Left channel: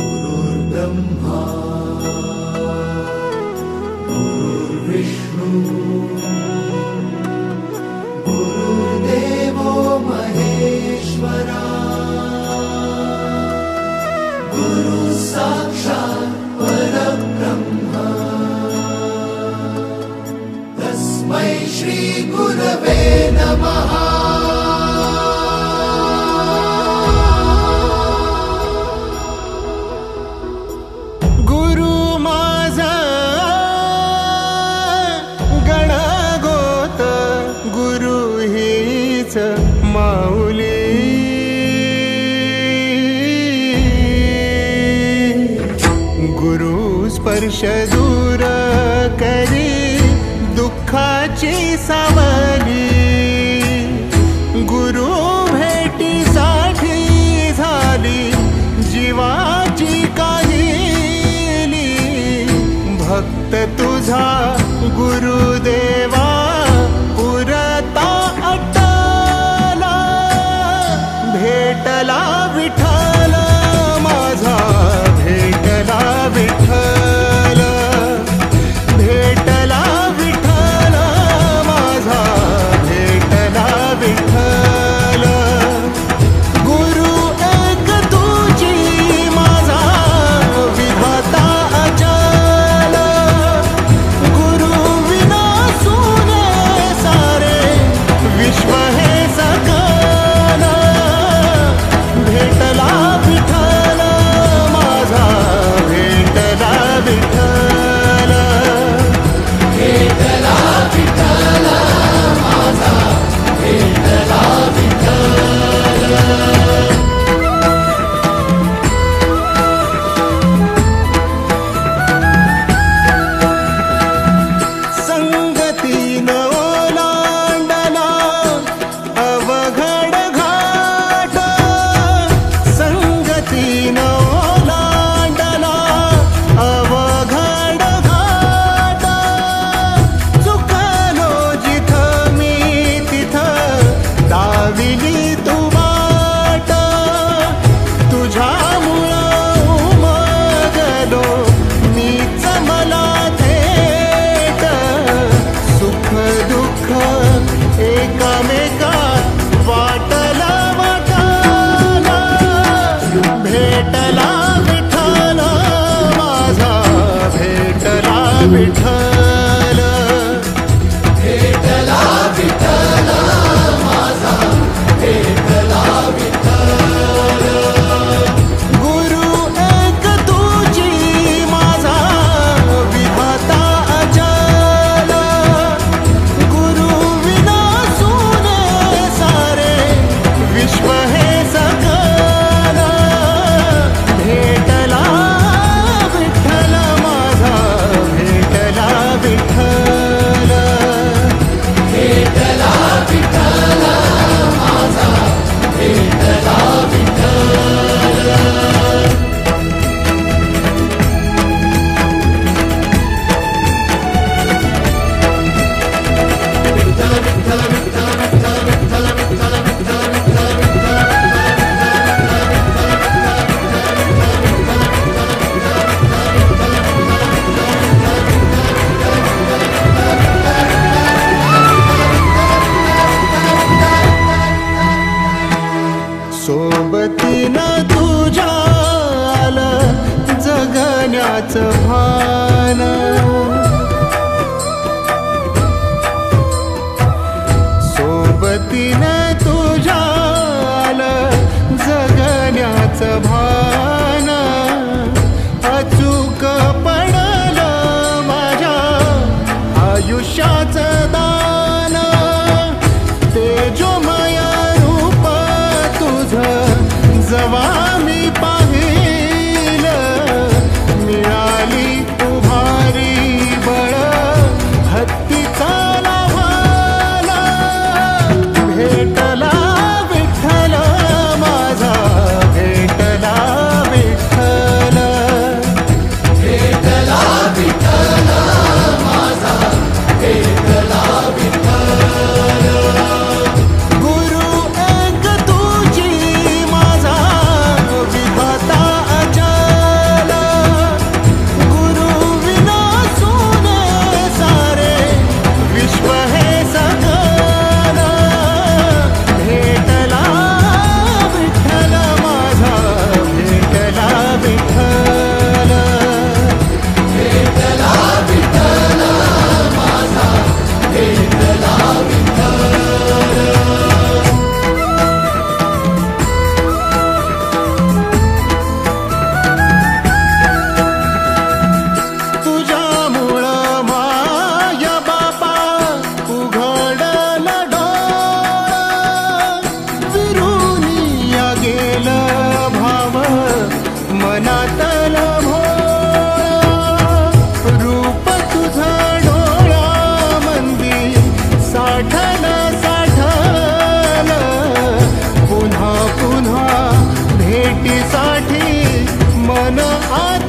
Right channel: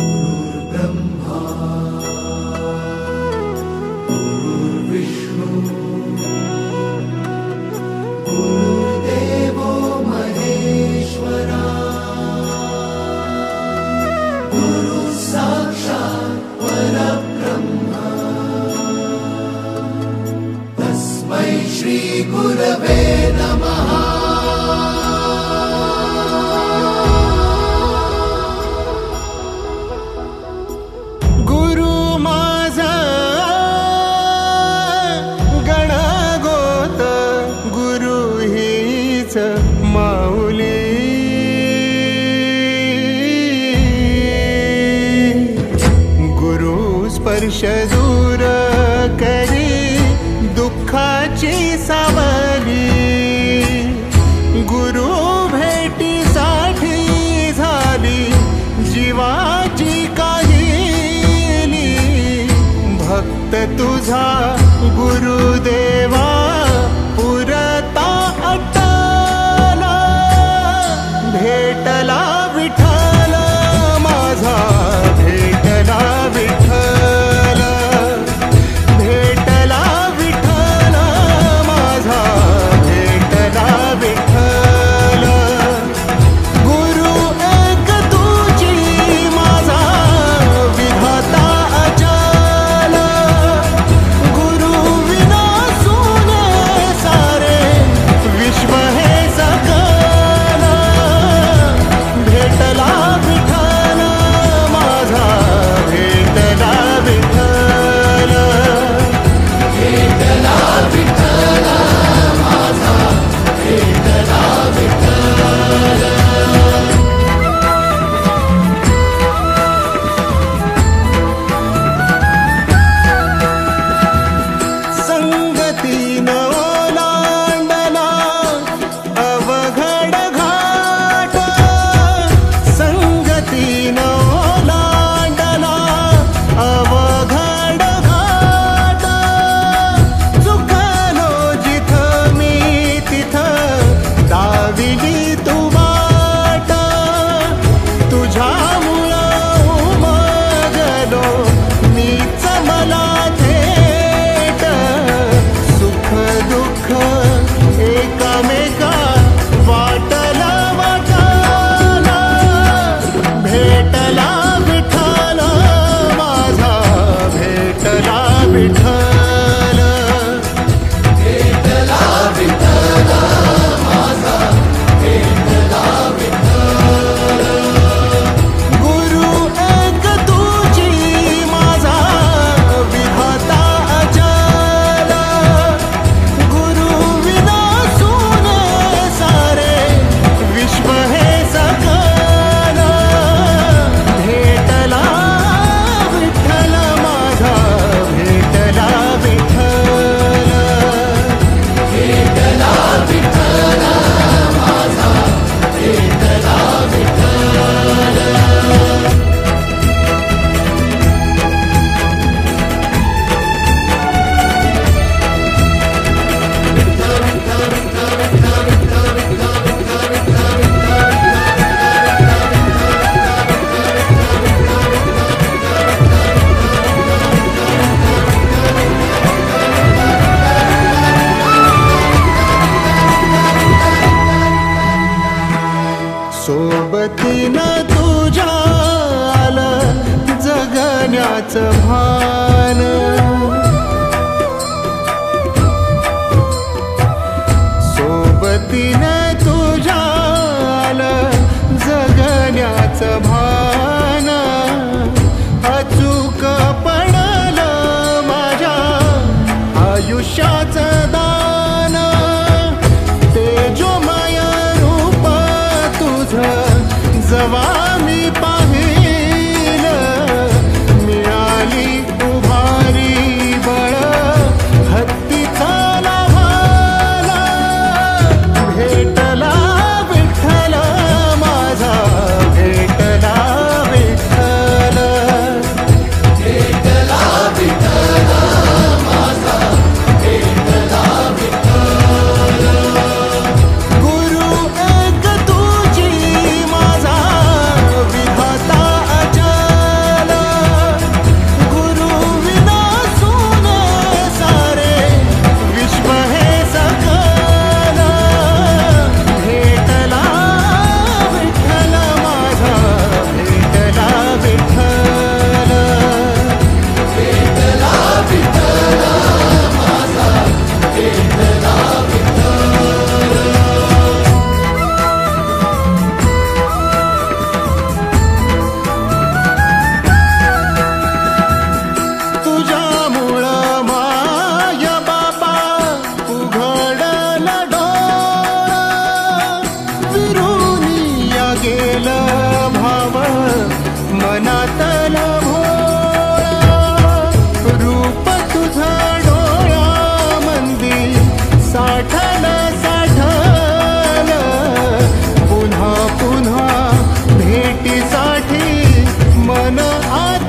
गुरुर्ब्रह्मा गुरुर्विष्णू गुरुर्देवो महेश्वरा गुरु साक्षात् परब्रह्म तस्मै श्री गुरवे नमः। माऊली गुरु स्पर्श दूर करी दुःखाची सावली गुरु भेटीसाठी झाली जीवाची काहिली भक्त तुझा गुरुदेवा पुरता भेटला विठ्ठल माझा भेटला विठ्ठल भेटला विठ्ठल माझा भेटला विठ्ठल गुरु एक तुझी माझा विधाता अचल गुरु विना सुने सारे विश्व हे सकल भेटला विठ्ठल माझा भेटला विठ्ठल भेटला विठ्ठल माझा भेटला विठ्ठल। संगतीन ओलांडला अवघड घाट संगतीन ओलांडला अवघड घाट चुकलो जिथं मी तिथं दाविली तू वाट तुझ्यामुळं उमगलो मीच मला थेट सुख दुःख एकामेका वाटला वाटाला भेटला विठ्ठल माझा भेटला विठ्ठल भेटला विठ्ठल माझा भेटला विठ्ठल गुरु एक तुझी माझा विधाता अचल गुरु विना सुने सारे विश्व हे सकल भेटला विठ्ठल माझा भेटला विठ्ठल भेटला विठ्ठल माझा भेटला विठ्ठल। सोबतीनं तुझ्या आलं जगण्याचं भान सोबतीनं तुझ्या आलं जगण्याचं भान अचूक पडलं माझ्या आयुष्याचं दान तेजोमय रूप तुझं जवा मी पाहिलं मिळाली उभारी बळ हत्तीचा लाभाला भेटला विठ्ठल माझा भेटला विठ्ठल भेटला विठ्ठल माझा भेटला विठ्ठल गुरु एक तुझी माझा विधाता मनातला भोळा रूप तुझं डोळ्यामंदी साठलं पुन्हा पुन्हा भेटीसाठी मन आ